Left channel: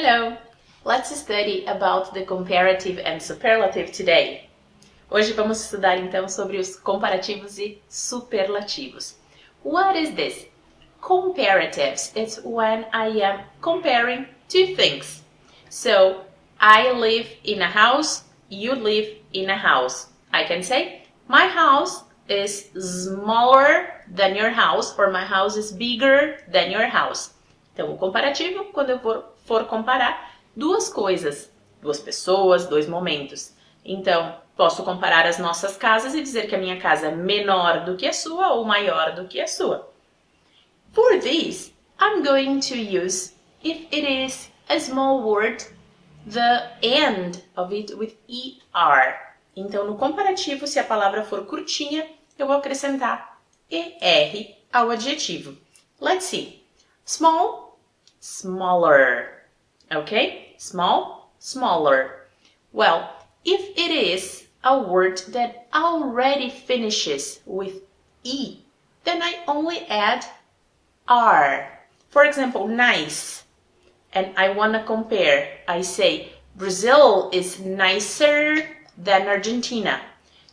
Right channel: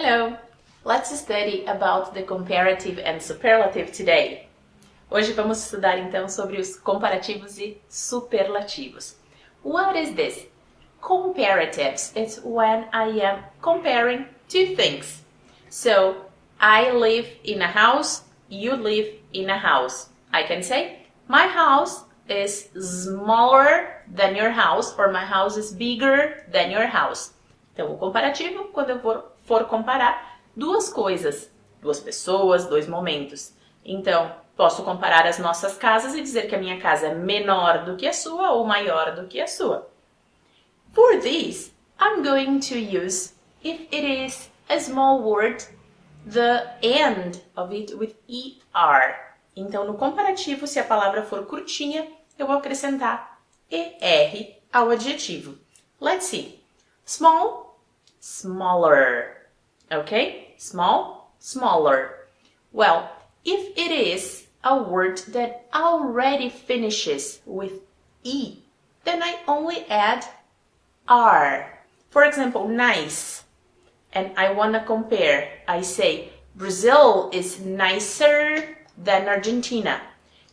Hello! Let's study about the comparative and superlative today. Hoje vamos estudar então sobre os comparativos e superlativos. What is this? Comparatives. It's when I am comparing two things. So, I live in a house, you live in a house. I can say, my house is smaller than your house, or my house is bigger than your house. Então, o comparativo, quando eu for comparar duas coisas, duas pessoas, dois momentos. Então, posso comparar as nossas casas e dizer que a minha casa é menor do que a sua ou maior do que a sua. For this, I'm going to use, if it is a small word, the end of it with ER. Então, no comparativo, se a palavra for curtinha, eu vou acrescentar ER ao adjetivo. Let's see. Small, smaller. Okay? Small, smaller. Well, if it is a word that already finishes with E, then I only add R. For example, nice. And I want to compare. I say, Brazil is nicer than Argentina.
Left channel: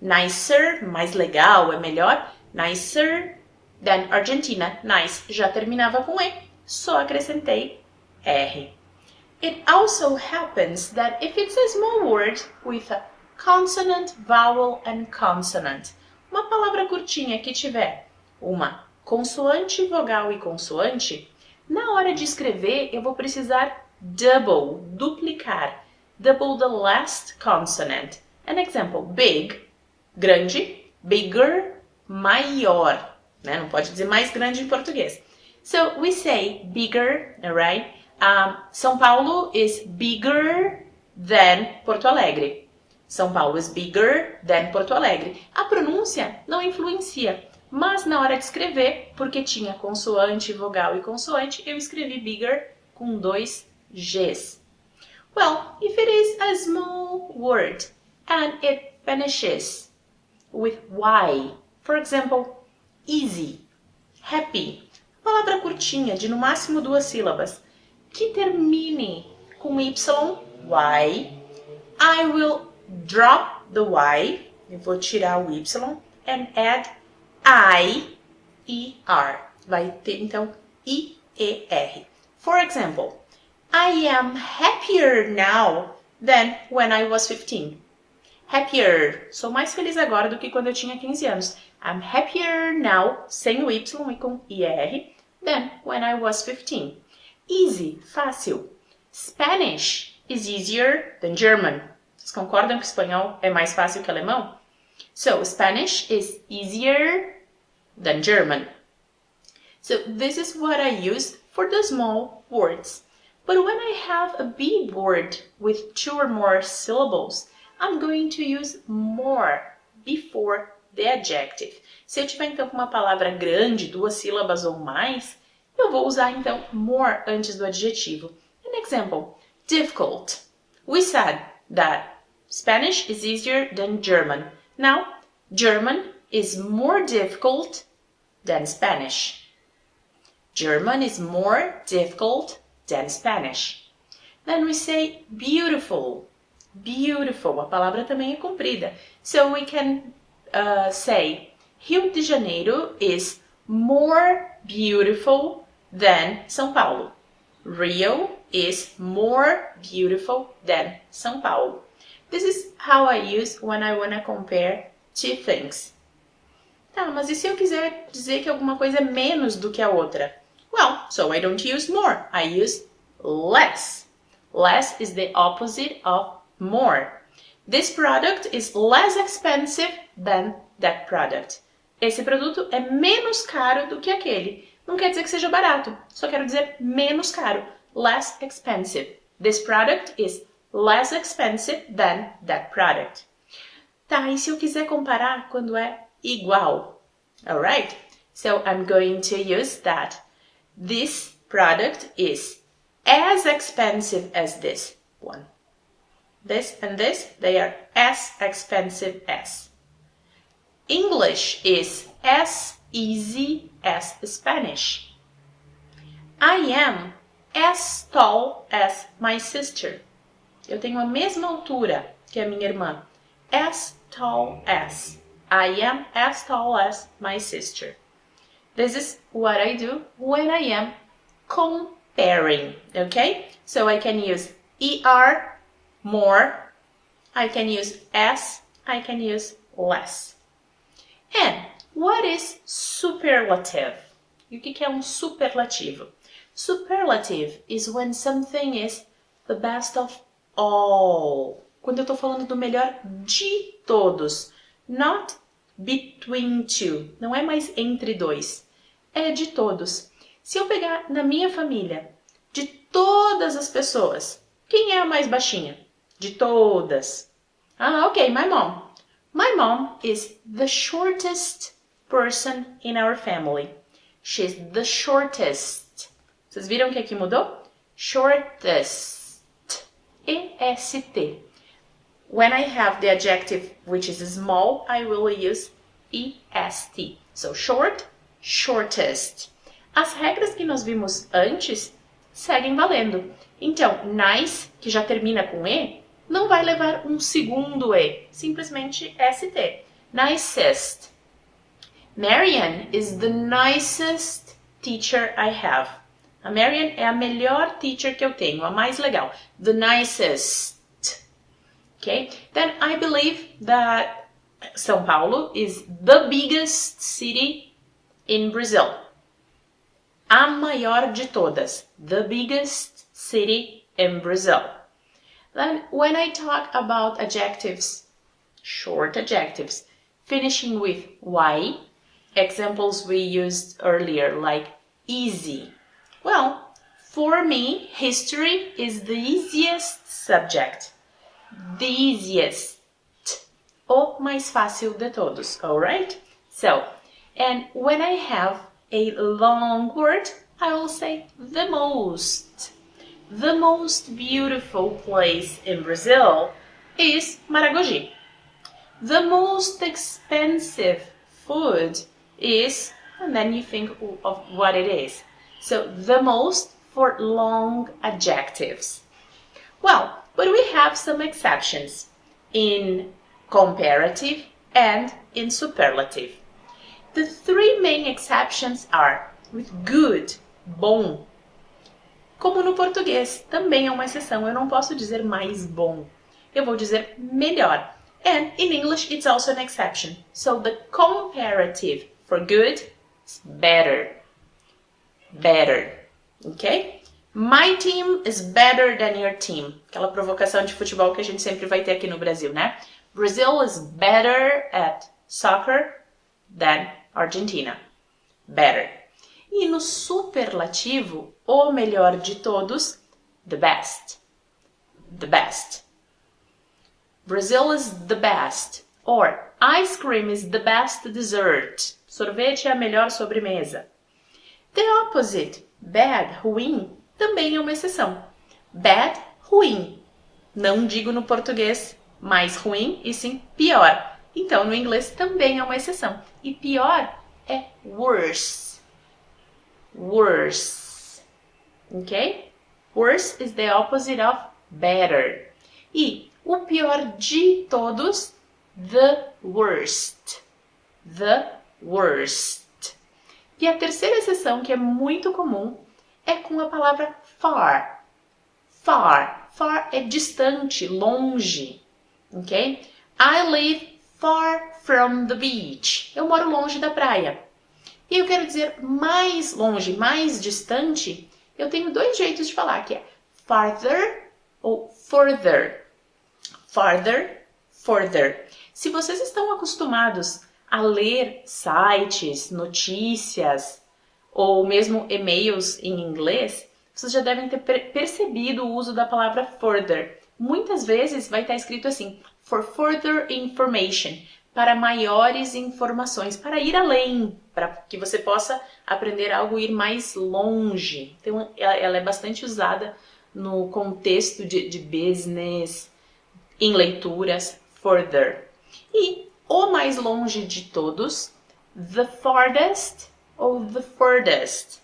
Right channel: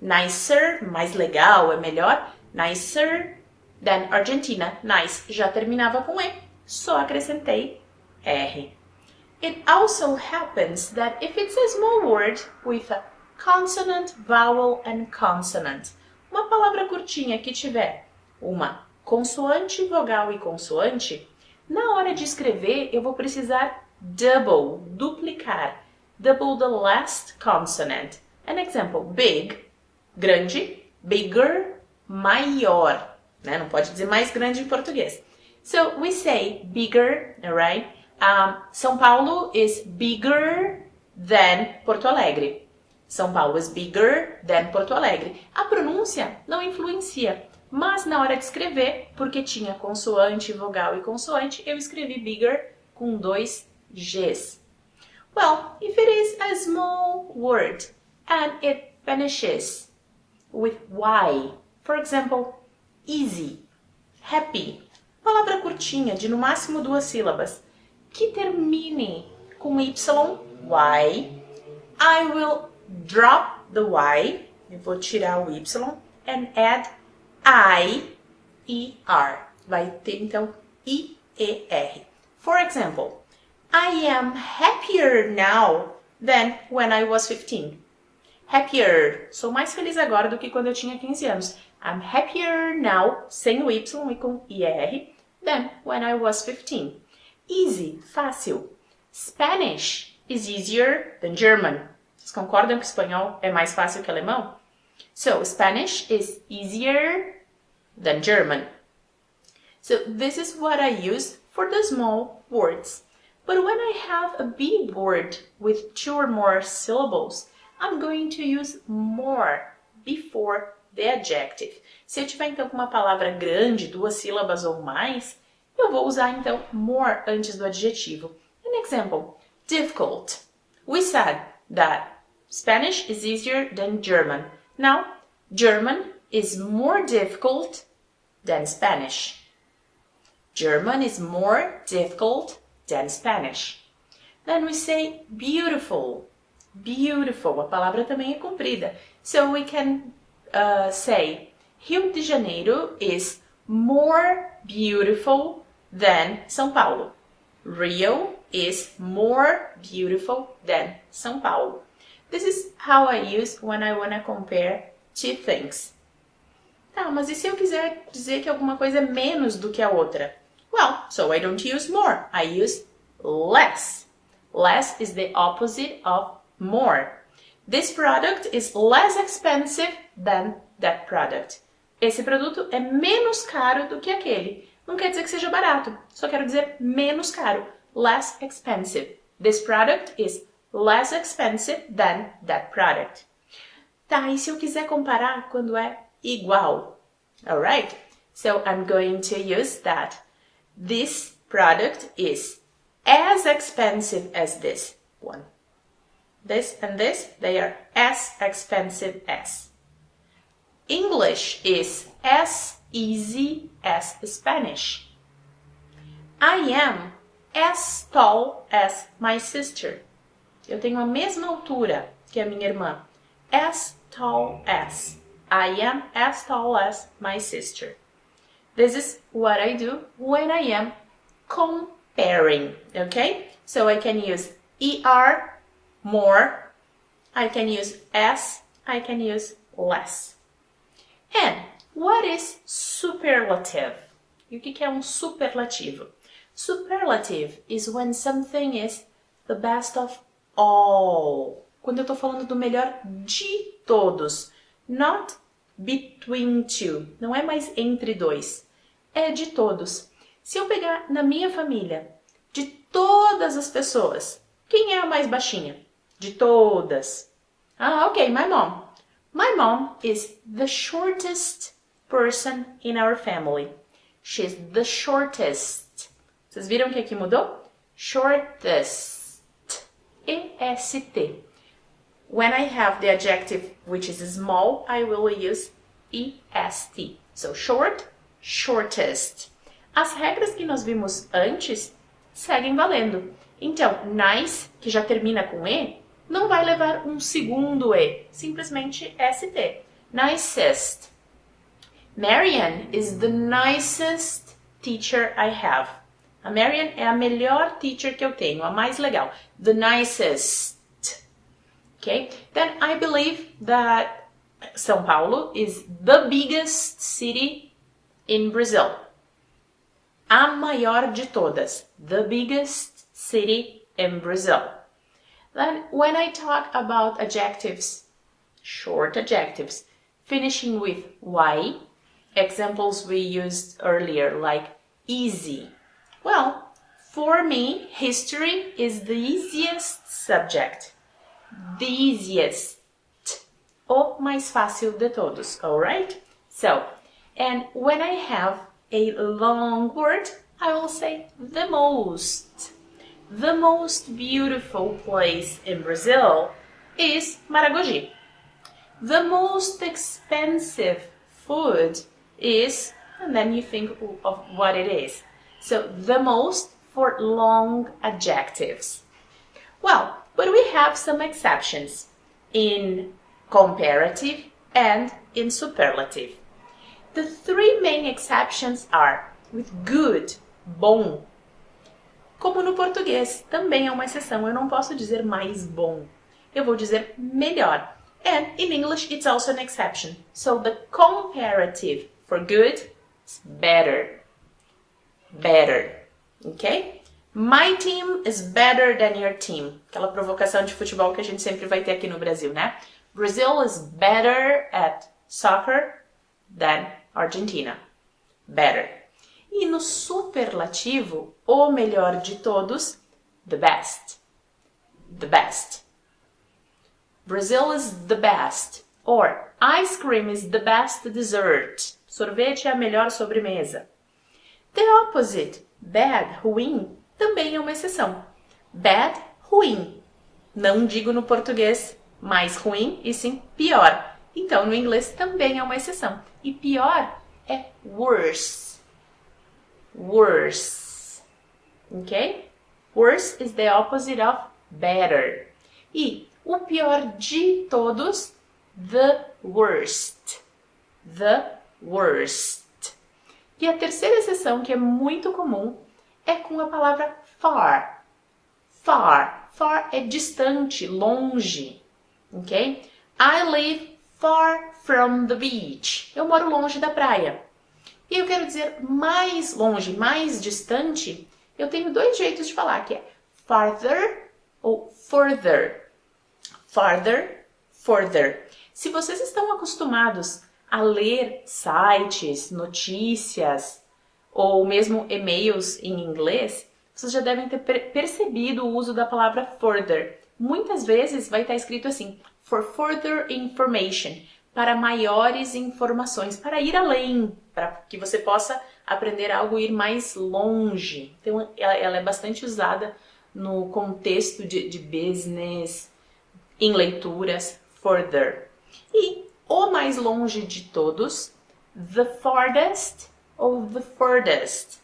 Nicer, mais legal, é melhor. Nicer than Argentina. Nice, já terminava com E, só acrescentei R. It also happens that if it's a small word with a consonant, vowel and consonant, uma palavra curtinha que tiver uma consoante, vogal e consoante, na hora de escrever eu vou precisar double, duplicar. Double the last consonant. An example, big, grande, bigger, maior. Né? Não pode dizer mais grande em português. So we say bigger, right? São Paulo is bigger than Porto Alegre. São Paulo is bigger than Porto Alegre. A pronúncia não influencia, mas na hora de escrever, porque tinha consoante, vogal e consoante, eu escrevi bigger com dois Gs. Well, if it is a small word and it finishes with Y, for example, easy, happy, palavra curtinha, de no máximo duas sílabas, que termine com Y, I will drop the Y, eu vou tirar o Y, and add I-E-R. Vai ter, então, I-E-R. For example, I am happier now than when I was 15. Happier. Sou mais feliz agora do que quando eu tinha 15 anos. I'm happier now, sem o Y e com I-R, than when I was 15. Easy, fácil. Spanish is easier than German. Vocês concordam que espanhol é mais fácil que alemão? So, Spanish is easier than German. So, this is what I use for the small words. But when I have a big word with two or more syllables, I'm going to use more before the adjective. Se eu tiver, então, com uma palavra grande, duas sílabas ou mais, eu vou usar, então, more antes do adjetivo. An example, difficult. We said that Spanish is easier than German. Now, German is more difficult than Spanish. German is more difficult than Spanish. Then we say beautiful. Beautiful. A palavra também é comprida. So we can say Rio de Janeiro is more beautiful than São Paulo. Rio is more beautiful than São Paulo. This is how I use when I want to compare two things. Tá, mas e se eu quiser dizer que alguma coisa é menos do que a outra? Well, so I don't use more. I use less. Less is the opposite of more. This product is less expensive than that product. Esse produto é menos caro do que aquele. Não quer dizer que seja barato, só quero dizer menos caro. Less expensive. This product is less expensive than that product. Tá, e se eu quiser comparar quando é igual? Alright? So I'm going to use that. This product is as expensive as this one. This and this, they are as expensive as. English is as easy as Spanish. I am as tall as my sister. Eu tenho a mesma altura que a minha irmã. As tall as. I am as tall as my sister. This is what I do when I am comparing, okay? So I can use ER, more. I can use as, I can use less. And what is superlative? E o que é um superlativo? Superlative is when something is the best of all. Quando eu estou falando do melhor de todos. Not between two. Não é mais entre dois. É de todos. Se eu pegar na minha família, de todas as pessoas, quem é a mais baixinha? De todas. Ah, ok, my mom. My mom is the shortest person in our family. She's the shortest. Vocês viram que aqui mudou? Shortest. E-S-T. When I have the adjective which is small, I will use E-S-T. So short, shortest. As regras que nós vimos antes seguem valendo. Então, nice, que já termina com E, não vai levar um segundo E, simplesmente ST. Nicest. Marianne is the nicest teacher I have. A Marianne é a melhor teacher que eu tenho, a mais legal. The nicest. Okay? Then I believe that São Paulo is the biggest city in Brazil. A maior de todas. The biggest city in Brazil. Then when I talk about adjectives, short adjectives, finishing with Y, examples we used earlier like easy. Well, for me, history is the easiest subject. The easiest. O mais fácil de todos, alright? So, and when I have a long word, I will say the most. The most beautiful place in Brazil is Maragogi. The most expensive food is, and then you think of what it is. So, the most for long adjectives. Well, but we have some exceptions in comparative and in superlative. The three main exceptions are with good, bom. Como no português, também é uma exceção. Eu não posso dizer mais bom. Eu vou dizer melhor. And in English, it's also an exception. So the comparative for good is better. Better. Okay? My team is better than your team. Aquela provocação de futebol que a gente sempre vai ter aqui no Brasil, né? Brazil is better at soccer than Argentina. Better. E no superlativo, o melhor de todos, the best. The best. Brazil is the best. Or, ice cream is the best dessert. Sorvete é a melhor sobremesa. The opposite, bad, ruim, também é uma exceção. Bad, ruim. Não digo no português mais ruim, e sim pior. Então, no inglês também é uma exceção. E pior é worse. Worse. Ok? Worse is the opposite of better. E o pior de todos, the worst. The worst. E a terceira exceção, que é muito comum, é com a palavra far. Far. Far é distante, longe. Ok? I live far from the beach. Eu moro longe da praia. E eu quero dizer mais longe, mais distante, eu tenho dois jeitos de falar, que é farther ou further. Farther, further. Se vocês estão acostumados a ler sites, notícias ou mesmo e-mails em inglês, vocês já devem ter percebido o uso da palavra further. Muitas vezes vai estar escrito assim, for further information, para maiores informações, para ir além, para que você possa aprender algo e ir mais longe. Então, ela é bastante usada no contexto de business, em leituras, further. E o mais longe de todos, the farthest ou the furthest.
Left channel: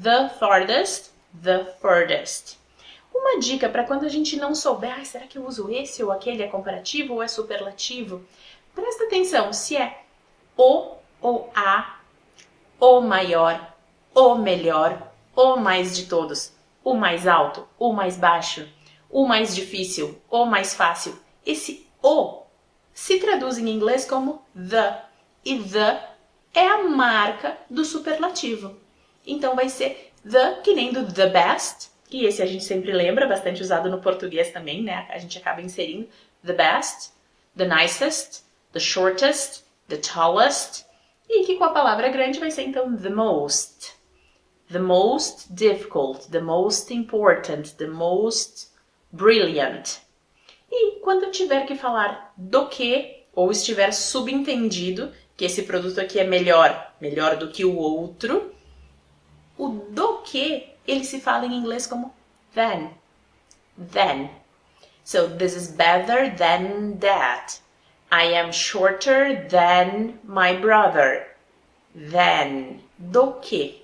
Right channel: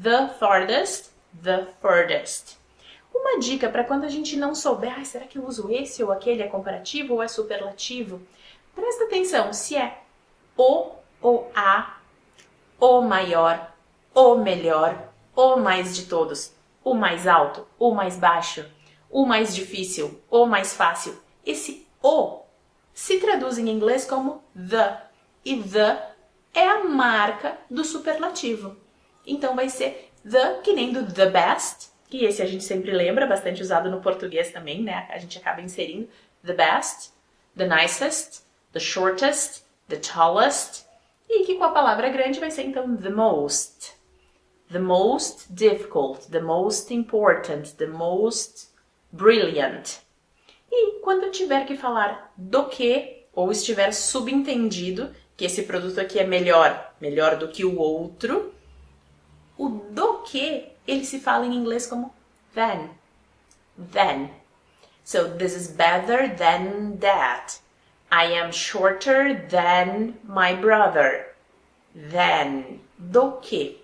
The farthest, the furthest. Uma dica para quando a gente não souber, será que eu uso esse ou aquele, é comparativo ou é superlativo? Presta atenção se é o ou a, o maior, o melhor, o mais de todos, o mais alto, o mais baixo, o mais difícil, o mais fácil. Esse o se traduz em inglês como the, e the é a marca do superlativo. Então vai ser the, que nem do the best, que esse a gente sempre lembra, bastante usado no português também, né? A gente acaba inserindo the best, the nicest, the shortest, the tallest, e que com a palavra grande vai ser então the most difficult, the most important, the most brilliant. E quando tiver que falar do que, ou estiver subentendido que esse produto aqui é melhor do que o outro, o do que ele se fala em inglês como than. So this is better than that. I am shorter than my brother. Than. Do que.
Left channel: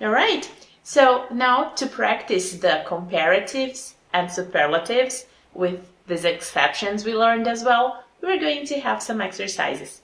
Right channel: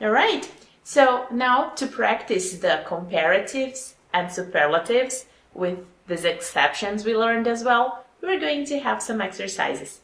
Alright? So now to practice the comparatives and superlatives with these exceptions we learned as well, we're going to have some exercises.